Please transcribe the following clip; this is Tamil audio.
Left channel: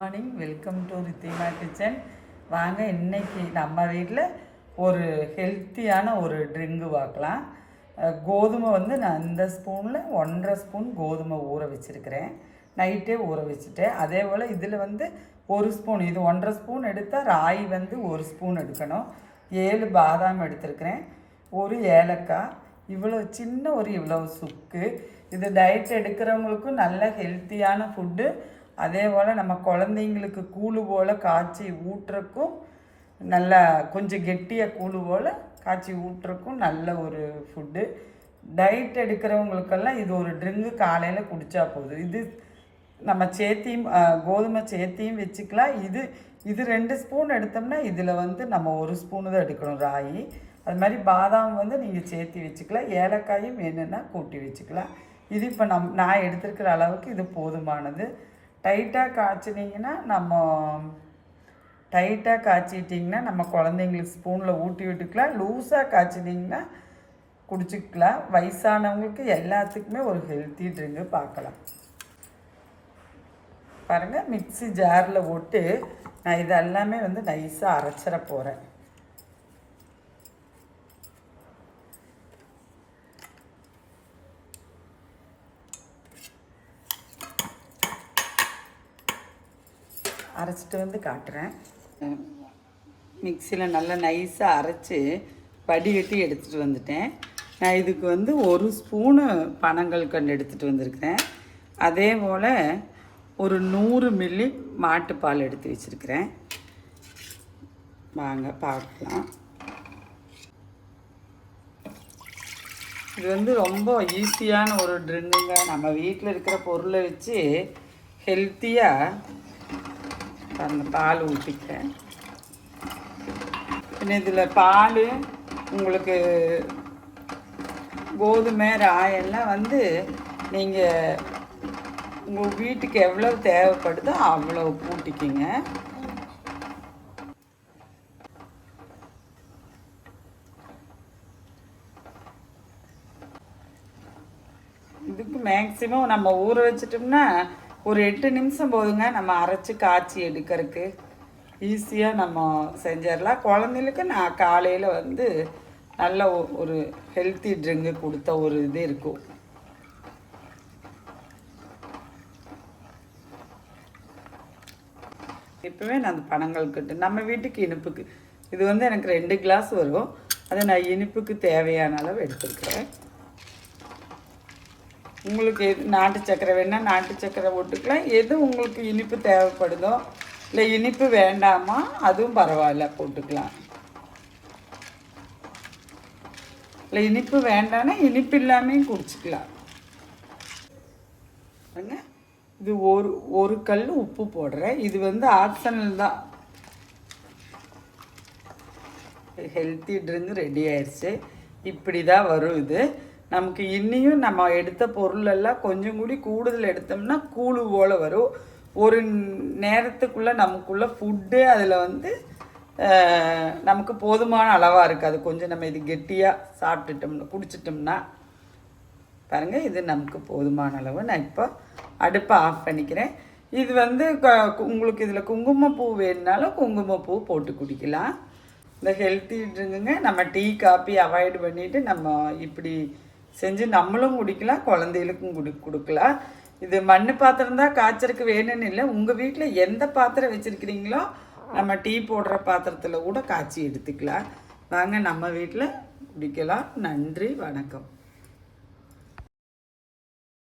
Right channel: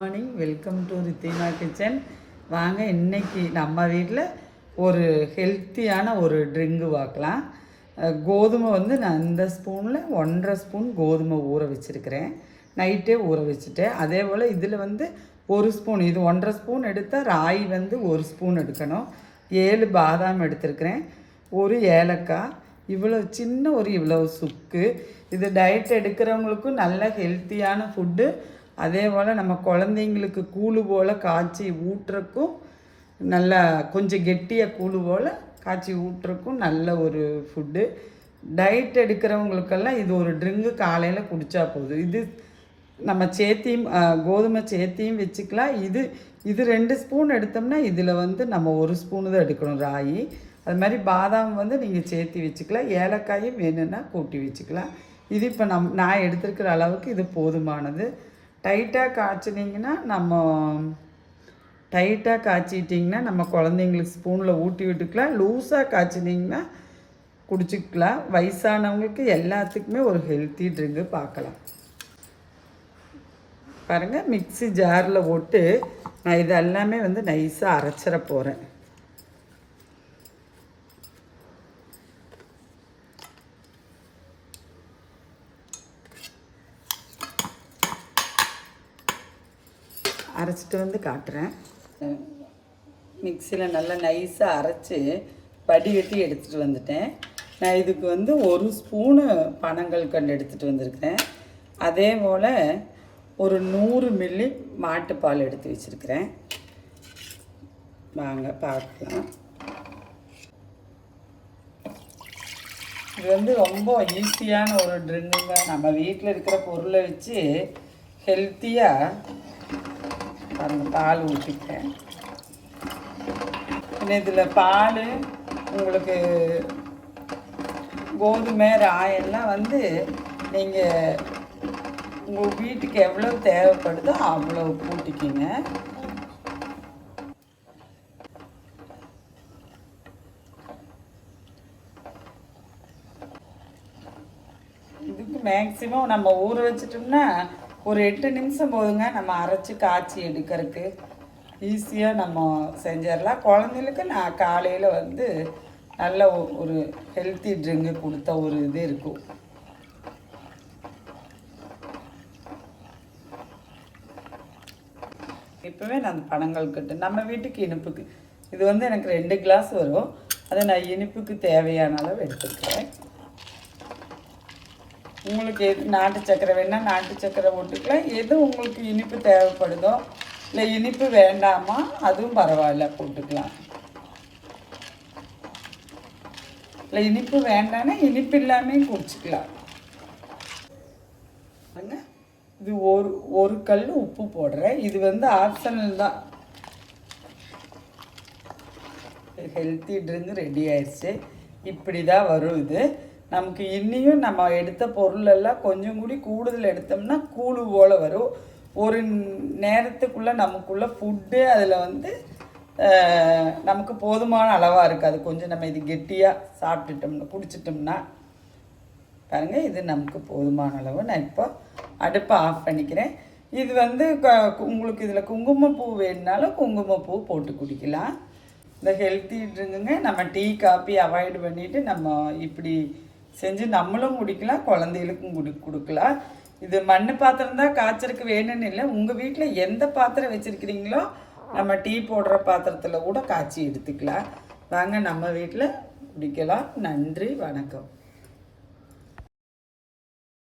Morning, welcome to Rithina kitchen. வாங்க, இன்னைக்கு நம்ம வீட்டில் ஒரு ஹெல்த்தியான ஒரு ட்ரிங்கு பார்க்கலாம். கோதுமை நான் இந்த ஸ்பூனில் 1.5 ஸ்பூன் கோதுமை ஊற வச்சுருக்கிறேன். நைட்டே ஊற வச்சுட்டேன். அதே போல் இதில் ஒரு ஸ்பூன், இது 1.5 ஸ்பூன் எடுத்தால் ராகி 1 ஸ்பூன் எடுக்கணும். 7 பாதாம் எடுத்துருக்கிறேன், ஒரு ஏலக்காய், இவ்வளவு சுக்கு. இது டயட் எடுக்கிறவங்களுக்கும் நல்ல ஹெல்த்தியான ஃபுட்டு. அதே போல் நம்ம குழந்தைங்களுக்கு கூழு போல் காய்ச்சி ஊட்டுறக்கும், நல்லா கொஞ்சம் கெட்டியாக கூழு போல் காய்ச்சி ஊட்டுறக்கும் நல்ல ஒரு ஃபுட்டு. டயட் எடுக்கிறவங்களுக்கெல்லாம் இது ஒரு ட்ரிங்கு காலையில் குடித்தா போதும். இது நம்ம கோதுமை சேர்த்தியும் வச்சுக்கலாம். இது 2 ஸ்பூன் எடுத்தோம்னா இதில் நம்ம 1 ஸ்பூனு தான் எடுக்கணும் ராகி. அது மாதிரி பாதாம் நீங்கள் சேர்த்தி வச்சுக்கலாம். ஏலக்காயும் வேணும்னா கூட்டி வச்சுக்கலாம். இது இப்போ நான் எடுத்துருக்கிற அளவுக்கு இது போதுமானது. டைட்டாக காய்ச்சிட்டிங்கன்னா நம்ம குழந்தைங்களுக்கு ஸ்பூனில் ஊட்டி விட்டுக்கலாம். லூஸாக காய்ச்சினிங்கன்னா குடிச்சிக்கலாம். வயசானவங்களுக்கு எல்லாத்துக்குமே ஒரு ஹெல்த்தி ட்ரிங்கு பார்க்கலாம். பாருங்கள், மிக்ஸி ஜாரில் போட்டு நான் இது எல்லாமே நைஸாக அரைச்சிட போகிறேன். அரைச்சிட்டு காட்டுறேன். மிக்சியில் நல்லா நைஸாக அரைச்சி வடிகட்டி எடுத்துகிட்டு வந்துட்டேன். நான் இதுக்கு 1 ஸ்பூனு பனங்கல்கண்டு எடுத்துகிட்டு வந்திருக்கிறேன். அதே போல் ஒரு 100 மில்லி மாட்டுப்பால் எடுத்து வச்சுருக்கிறேன். வாங்க பார்க்கலாம். இது ரொம்ப ஈஸியான ஒரு ட்ரிங்குங்க. நம்ம வீட்டில் இருக்கிற பொருளை வச்சு ஹெல்த்தியாக பாருங்கள், பால் ஊற்றிட்டேன். இதில் பால் உங்களுக்கு கோதுமை ராயெல்லாம் நீங்கள் உங்கள் வீட்டுக்கு எவ்வளோ தேவைப்படுதோ அவ்வளோ கூட்டிக்கிங்க. இதுக்கு மேக்ஸிமம் நம்ம ஊற வச்சிட்டோம்னா ஒரு 8 நிமிஷம் போதுங்க. நம்ம அரைச்சி காய்ச்சி எடுக்கிறதுக்கு ஈஸியாக நம்ம செஞ்சிடலாம். குழந்தைகளுக்கு நான் காலையில் நல்ல ஒரு ஹெல்த்தி ட்ரிங்கு கொடுத்த ஒரு இது இருக்கும். இப்போவே நான் அந்த பனங்கல்கண்டு நம்ம வீட்டுக்கு இனிப்புக்கு இது எனக்கு 2 கிளாஸ் வரும். அதை நான் இனிப்புக்கு தேவையான அளவு எடுத்துக்கிறேன். உங்களுக்கு எது நாட்டு சக்கரை வேணால் நாட்டு சக்கரை போட்டுக்கலாம். எது உங்களுக்கு இனிப்பு தேவைப்படுதோ, இல்லை இனிப்பு வேண்டாமா அதுவும் பரவாயில்ல போட்டுக்கலாம். இல்லை இனிப்பு வேண்டாம்னா இனிப்பு இல்லாமல் குடிச்சிக்கலாம். இது ஒரு கல் உப்பு போடுறேன். இது ஆப்ஷனல் தான். ஹெல்த்தி ட்ரிங்க் ரெடி ஆயிடுச்சு. இப்படி தான் வரும். இது நமக்கு இன்னியும் நம்ம எடுத்த பொருளெல்லாம் கொஞ்சம் கூடுதல் எடுத்தோம்னா கூழு போல் வரும். ஒரு நேரத்துக்குள்ளே நமக்குள்ளே ஃபுட்டே அதில் நமக்கு போதுமான அளவாக இருக்காது. கொஞ்சம் நம்ம இது கெட்டியாக சாப்பிட்டுட்டோம்னா குடிச்சிட்டோம்னா பாருங்கள், இது நமக்கு போதுமான அளவு. நான் இப்போ அடுப்பை ஆஃப் பண்ணிக்கிறேன். இது உங்களுக்கு இதில் குங்குமப்பூ வேணுனாலும் குங்குமப்பூ போட்டு குடிக்கலாம். இந்த ஹெல்த்தி ட்ரிங்குங்க நம்ம டீ காப்பி அவாய்டு பண்ணிவிட்டு நம்ம இப்படி செஞ்சு நம்மளும் குடிக்கலாம், குழந்தைகளுக்கும் கொடுக்கலாம். இது மண் பாத்திரம் தான் காய்ச்சறதுக்கு வேணும்னு இல்லை. உங்கள் வீட்டில் எந்த பாத்திரம் வச்சுருக்கிறீங்களோ நம்ம டீ போடுற பாத்திரத்தில் கூட காய்ச்சி எடுத்துக்கலாம். வாங்க, நம்ம வீட்டில் குடிக்கலாம். நன்றி, வணக்கம்.